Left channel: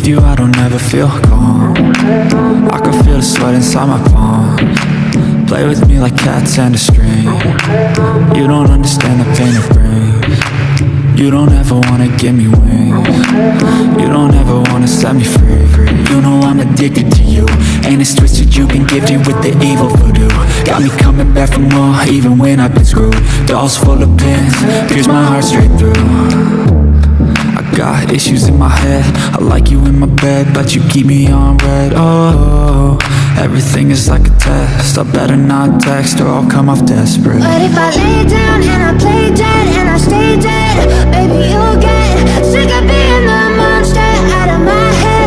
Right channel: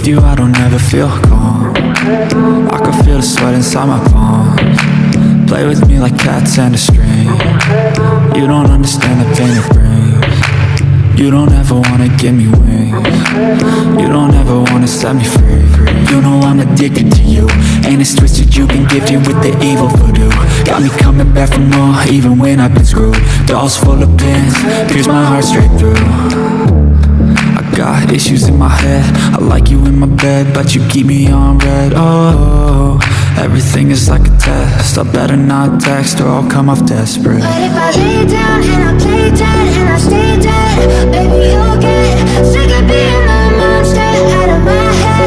with you I don't ever feel calm. I can feel the sweat inside my palms. Play with me like cats and a string. You don't understand the pain it brings. You don't ever wanna give me wings. You don't ever wanna set me free. You know I'm addicted to you, and it's twisted, you've been gifted with the evil voodoo. Got me coming back for more, even when I've been screwed. Dolls full of pins, pierce my heart straight through. I got issues in my head, I like you in my bed, but you keep me on red. Oh, everything is like a test, I better not text or I'll come off desperate. But if I lay down and I play dead and I stay dead, baby you'll get sick of being the monster out of my head.